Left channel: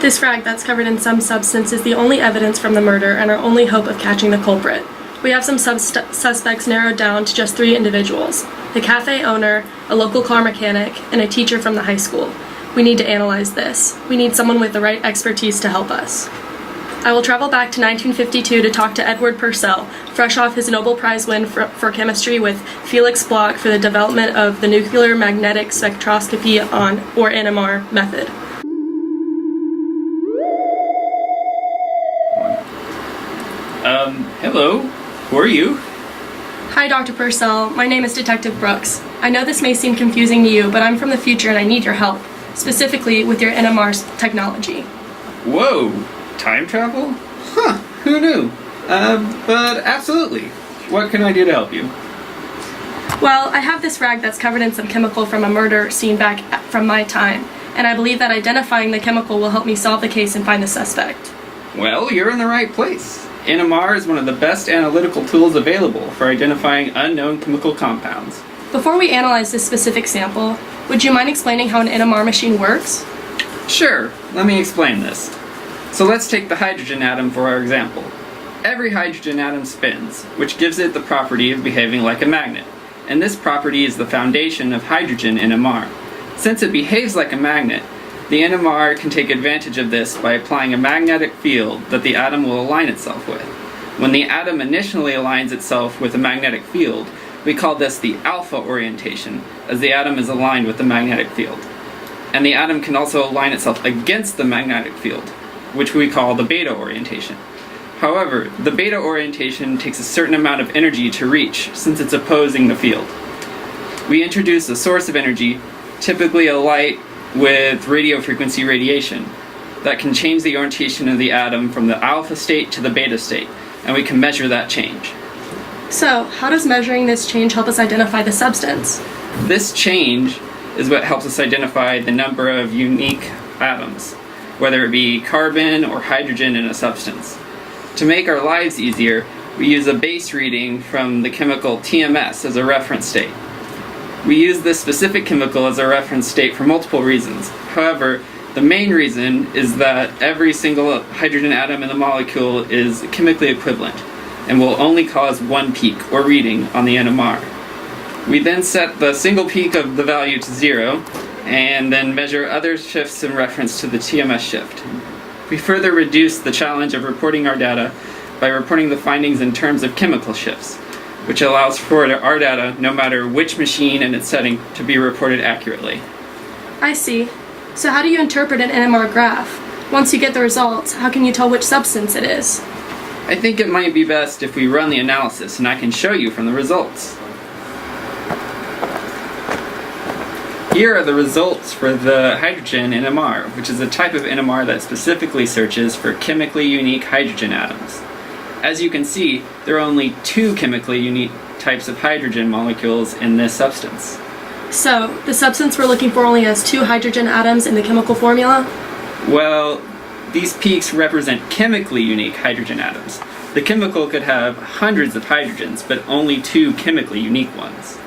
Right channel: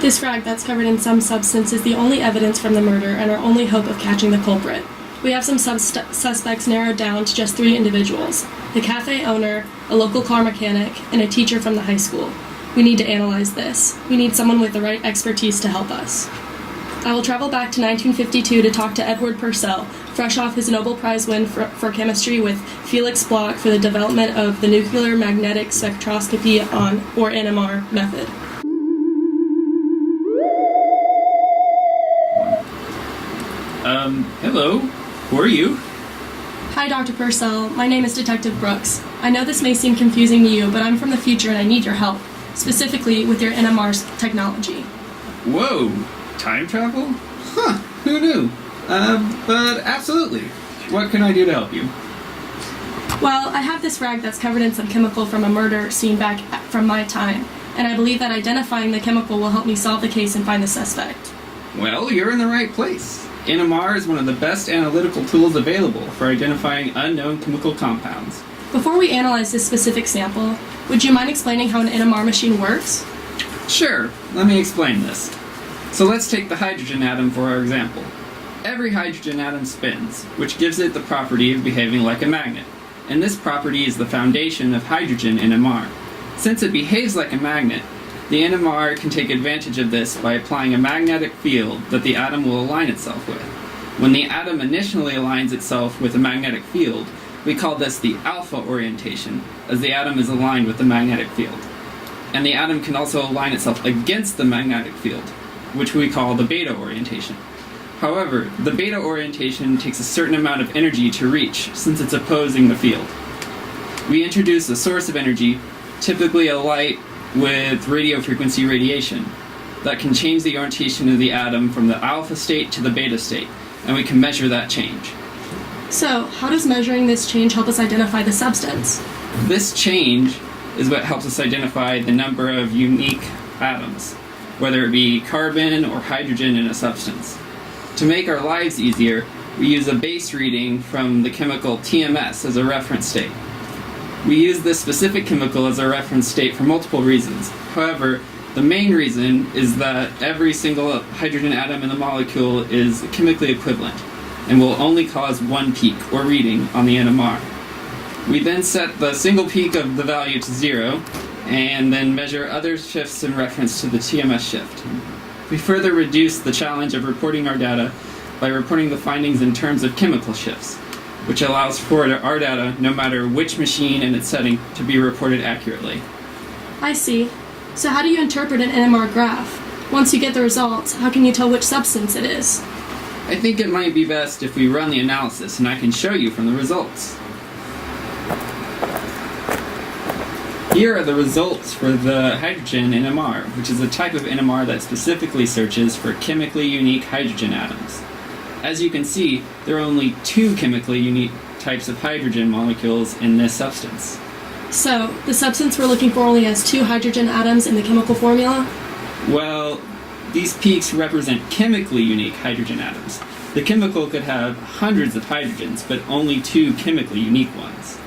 This rag that's covered in some substance is the only evidence from the murder and our only hope of catching the culprit. We have some suspects narrowed down to just 3 individuals: the cafe owner, a local car mechanic, and a teacher from the high school. We need to analyze this. We need someone with the right expertise to help us. I will travel back to 1952 to talk to Edward Purcell, fresh off his Nobel Prize win for chemistry with Felix Bloch for the development of the nuclear magnetic spectroscopy or NMR method. Hello. Who are you? Hi, Dr. Purcell. My name is Detective Brooks. I know this may seem confusing to you, but I'm from the future and I need your help, specifically with your NMR technology. Whoa! Time travel? Huh, who knew? But absolutely. What can I do to help you? Well, I have this rag that's covered in some chemical from a murder scene back from my time, and I believe that identifying the chemical will help me solve the case and find the suspect. Well, you're in the right place. NMR is one of the best analytical tools available for identifying unknown chemical compounds. Before we analyze this specific sample, would you mind explaining how an NMR machine works? Sure, let me explain this. So let's take the hydrogen atom for our example. Every hydrogen atom spins, which gives it the property of behaving like a magnet, and this property is the foundation of hydrogen NMR. Since it behaves like a magnet, the NMR can take advantage of this by applying a magnetic field that the atom will align itself with. When the atom initially aligns itself with a magnetic field, we call this the alpha orientation, as the atom is aligned with the magnetic field. And the atom can also align itself against the magnetic field, which we call the beta orientation. However, the beta orientation takes a certain amount of energy to reach, since it's opposing the field. We introduce a source of energy, typically a light with radio frequency radiation, that can change the orientation of the atom from the alpha state to the beta state, and we can measure that change. So, how does measuring this change help us identify the substance? This change is what helps us identify the number of unique atoms, whether it be carbon or hydrogen in a substance. To make our lives easier, we use a base reading from the chemical TMS as a reference state. We use this specific chemical as a reference state for multiple reasons. However, the main reason is that every single hydrogen atom in the molecule is chemically equivalent and will only cause one peak or reading on the NMR. We then set the single peak of the value to 0 and then measure other shifts in reference to the TMS shift. We further reduce the challenge of reporting our data by reporting the findings in terms of chemical shifts, which allows for our data, no matter which machine and its setting, to be reported accurately. I see. So how do you interpret an NMR graph? Once you get the results, how can you tell which substance it is? I think it might be best if we run the analysis and I can show you from the results. Here are the results for the hydrogen NMR, which is a type of NMR that specifically searches for chemically unique hydrogen atoms. As you can see, there are only 2 chemically unique types of hydrogen molecules in this substance. So, the substance we're looking for only has 2 hydrogen atoms in the chemical formula? Well, these peaks represent chemically unique hydrogen atoms. The chemical could have hundreds of hydrogens, but only 2 chemically unique ones.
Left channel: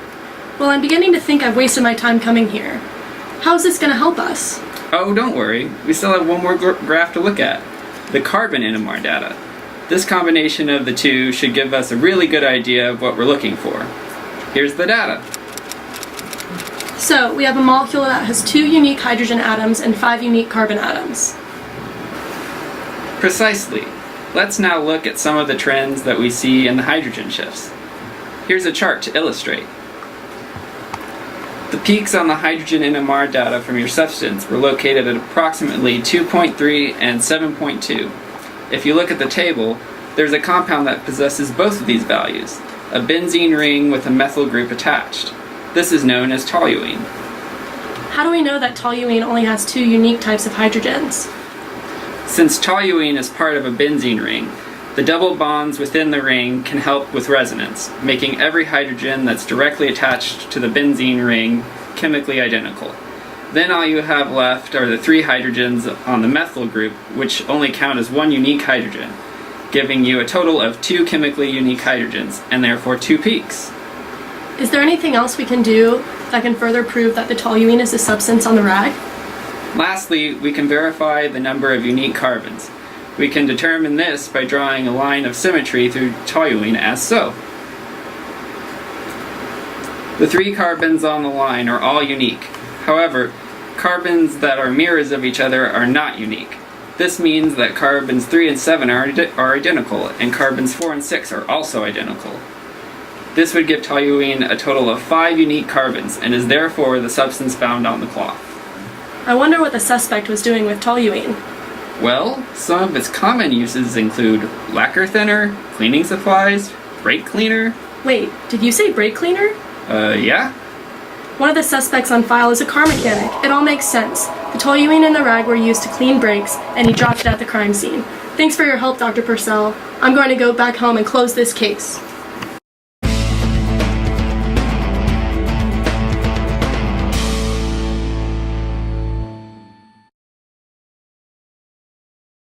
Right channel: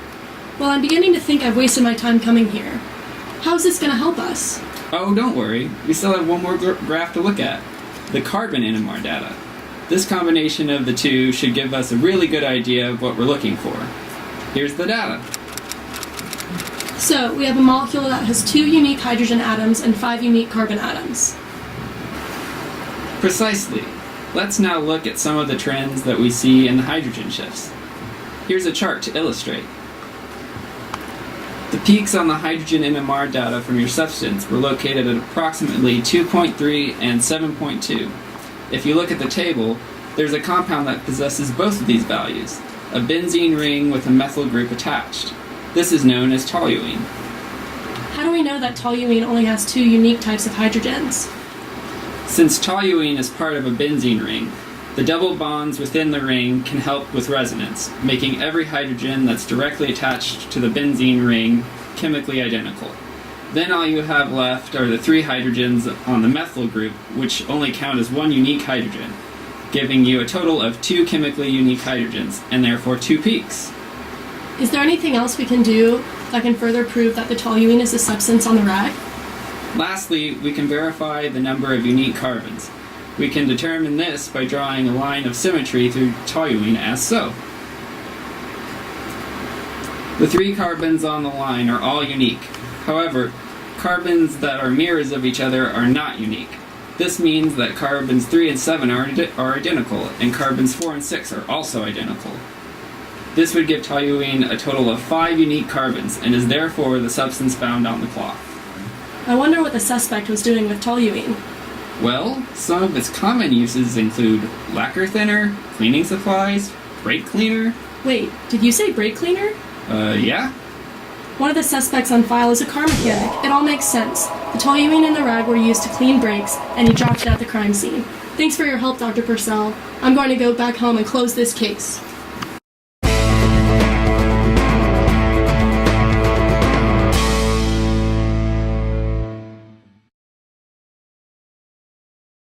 Well, I'm beginning to think I've wasted my time coming here. How is this going to help us? Oh, don't worry. We still have one more graph to look at. The carbon NMR data. This combination of the 2 should give us a really good idea of what we're looking for. Here's the data. So, we have a molecule that has 2 unique hydrogen atoms and 5 unique carbon atoms. Precisely. Let's now look at some of the trends that we see in the hydrogen shifts. Here's a chart to illustrate. The peaks on the hydrogen NMR data from your substance were located at approximately 2.3 and 7.2. If you look at the table, there's a compound that possesses both of these values, a benzene ring with a methyl group attached. This is known as toluene. How do we know that toluene only has 2 unique types of hydrogens? Since toluene is part of a benzene ring, the double bonds within the ring can help with resonance, making every hydrogen that's directly attached to the benzene ring chemically identical. Then all you have left are the 3 hydrogens on the methyl group, which only count as 1 unique hydrogen, giving you a total of 2 chemically unique hydrogens, and therefore 2 peaks. Is there anything else we can do that can further prove that the toluene is the substance on the rag? Lastly, we can verify the number of unique carbons. We can determine this by drawing a line of symmetry through toluene as so. The 3 carbons on the line are all unique. However, carbons that are mirrors of each other are not unique. This means that carbons 3 and 7 are identical, and carbons 4 and 6 are also identical. This would give toluene a total of 5 unique carbons, and is therefore the substance found on the cloth. I wonder what the suspect was doing with toluene. Well, some of its common uses include lacquer thinner, cleaning supplies, brake cleaner. Wait, did you say brake cleaner? Yeah? One of the suspects on file is a car mechanic. It all makes sense. The toluene and the rag were used to clean brakes, and he dropped it at the crime scene. Thanks for your help, Dr. Purcell. I'm going to go back home and close this case.